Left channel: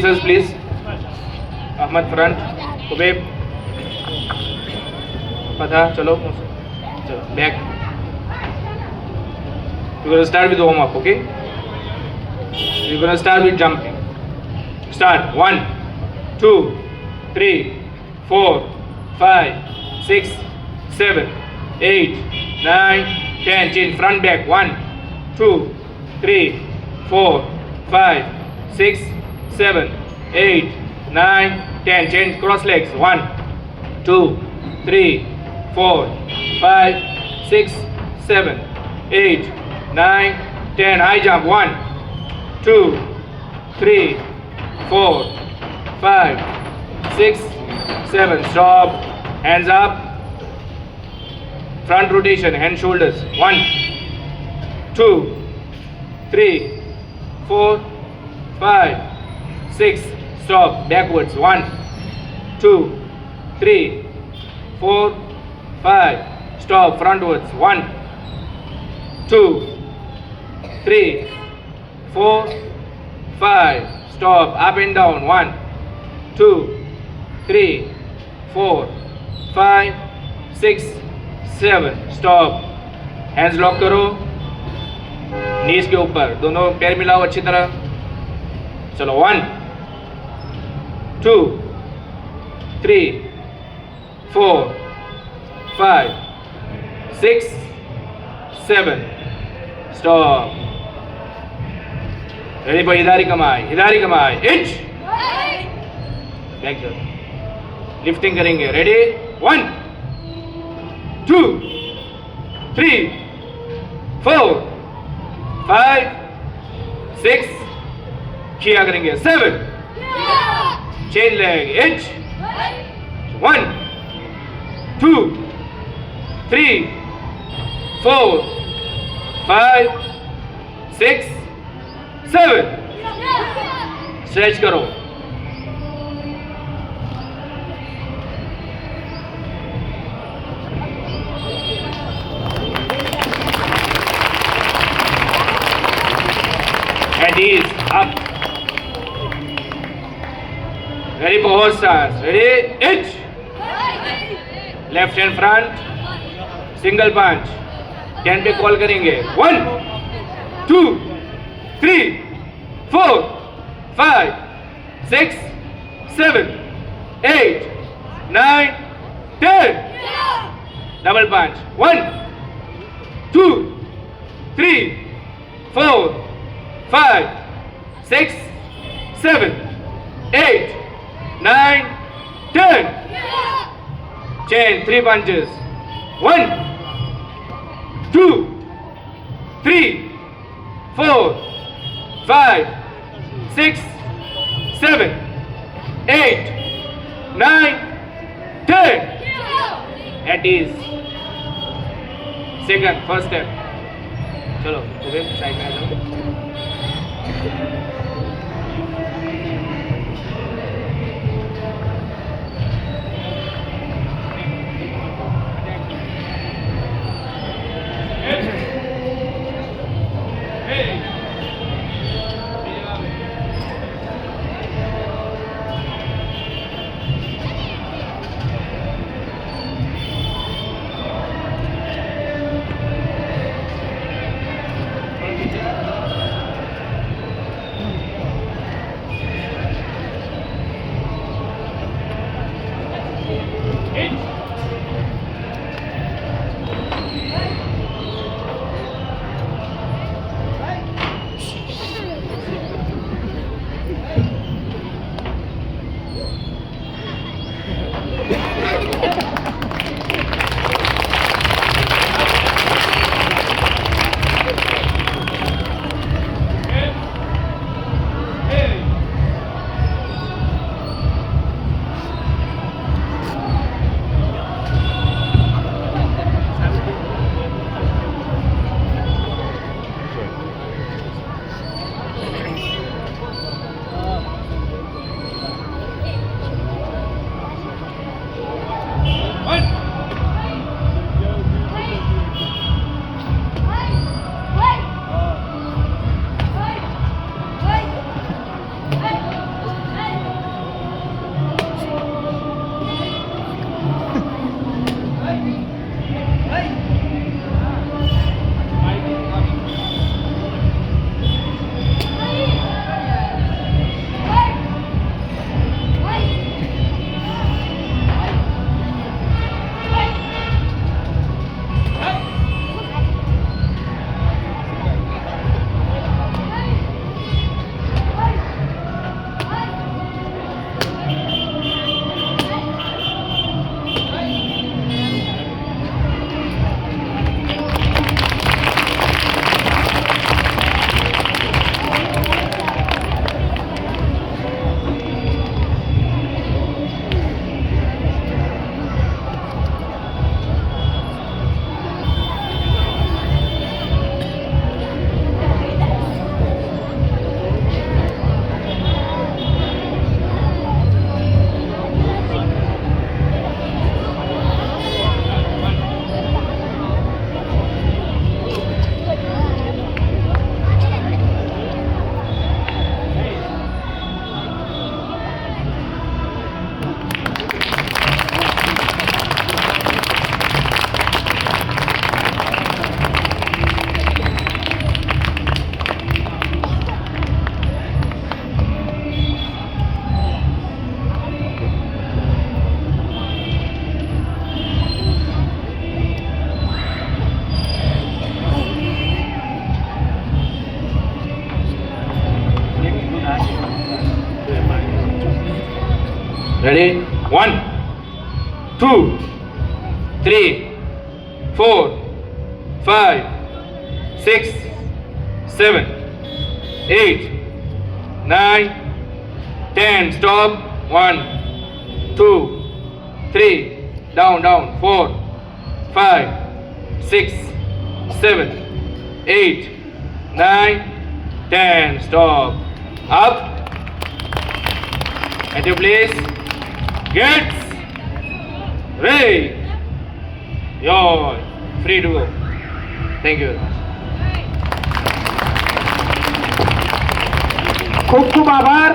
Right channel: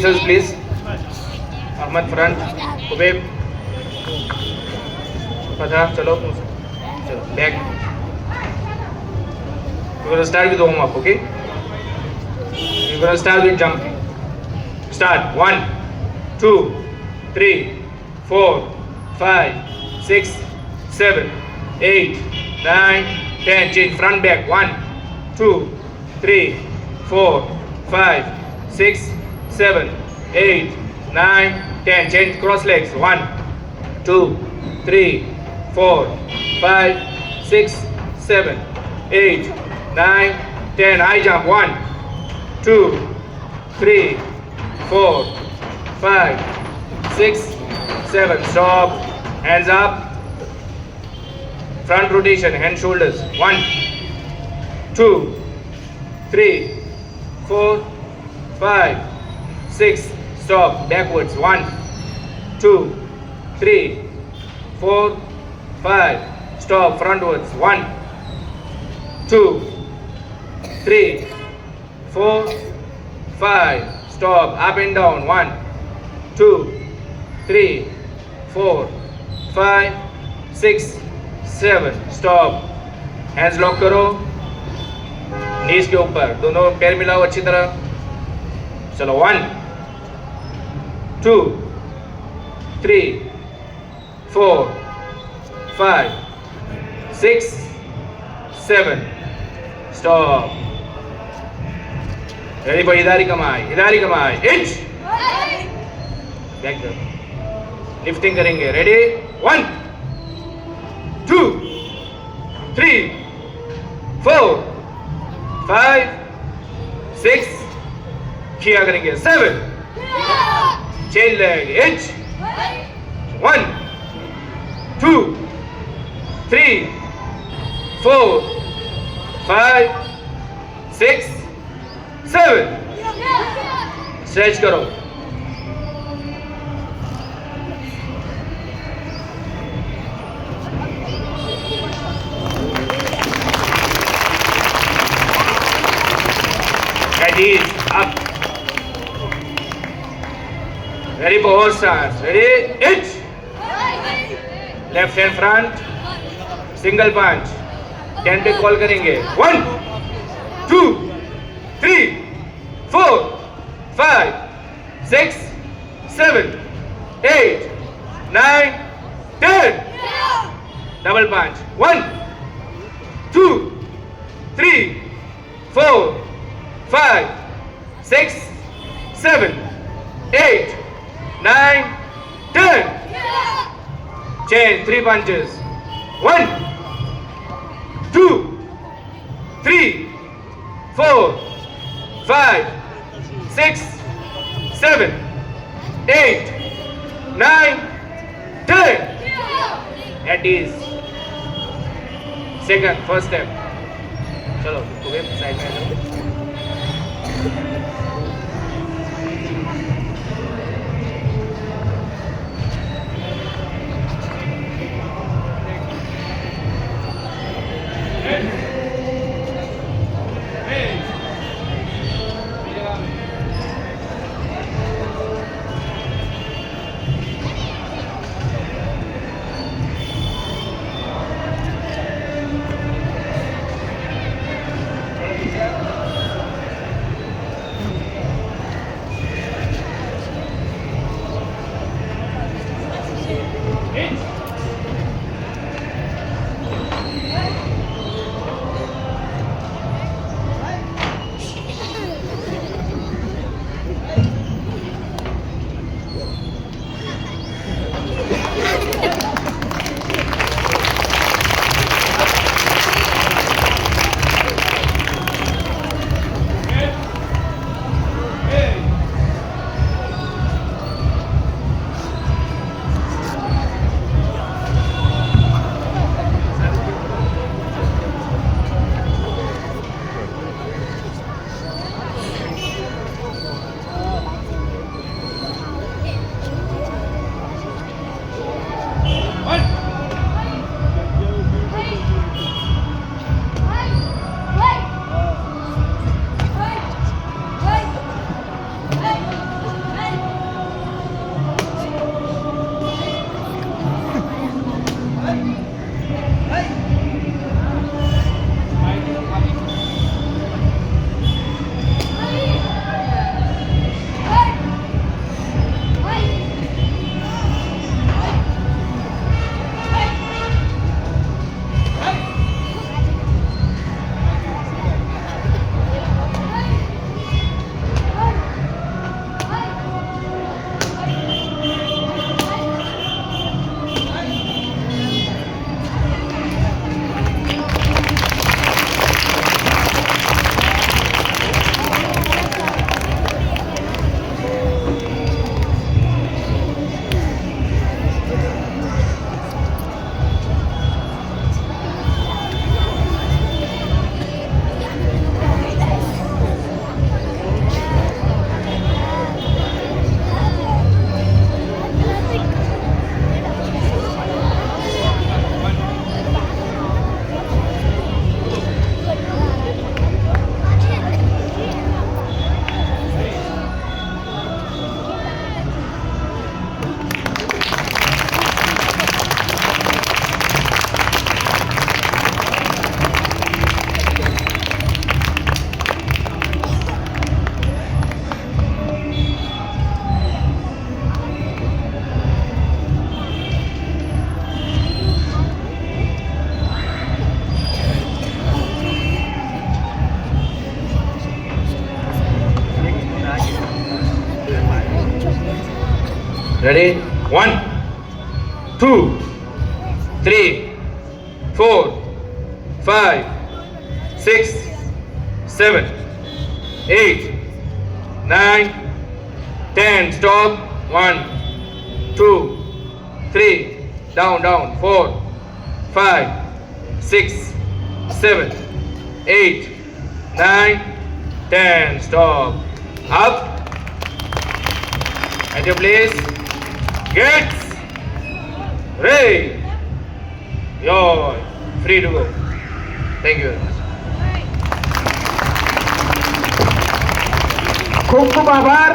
Please. Ahmad front. Ubeb. Fatha, chalo. Chalo. Back. We're going to start with warm up, okay? We're going to start with jumping. Start. 1, 2, 3, 4, 5, 6, 7, 8, 9, 10. Change front back. 1, 2, 3, 4, 5, 6, 7, 8, 9, 10. Change cross legs. 1, 2, 3, 4, 5, 6, 7, 8, 9, 10. High jump. 1, 2, 3, 4, 5, 6, 7. Stop. Hands up. Front rotation. Hand shoulders. 1, 2, 3, 4, 5, 6. Stop. Backwards. 1, 2, 3, 4, 5. Stop. Frontwards. 1, 2, 3, 4, 5. Stop. Up and down. 1, 2, 3, 4, 5, 6, 7. Stop. Hands lock करो, नीज के ऊपर, दोनों पैर मिलाओ अच्छी तरह. चलो. 1, 2, 3, 4, 5, 6, 7. Stop. Ready for Hidari Kamai. Hidari Kamai. Inch. Back there. Lifting करेंगे. Ready? 1, 2, 3, 4, 5, 6. किया करेंगे. 7. Chain leg. Inch. 1, 2, 3, 4, 5, 6, 7. Stretch करो. And knees up. Ready for horse stance. Ready? Inch. Left hand front. Single punch. 10 पे कॉल करेंगे. 1, 2, 3, 4, 5, 6, 7, 8, 9, 10. Double punch. 1, 2, 3, 4, 5, 6, 7, 8, 9, 10. Chain 3 punches. 1, 2, 3, 4, 5, 6, 7, 8, 9, 10. At ease. Second, first step. चलो, side में आ जाओ. Ready? 1, 2, 3, 4, 5, 6, 7, 8, 9, 10. Stop. 1, 2, 3. Down. 4, 5, 6, 7, 8, 9, 10. Stop. Up. At your place. Get ready. You're free to go. Thank you very much. खूप खूप आभार.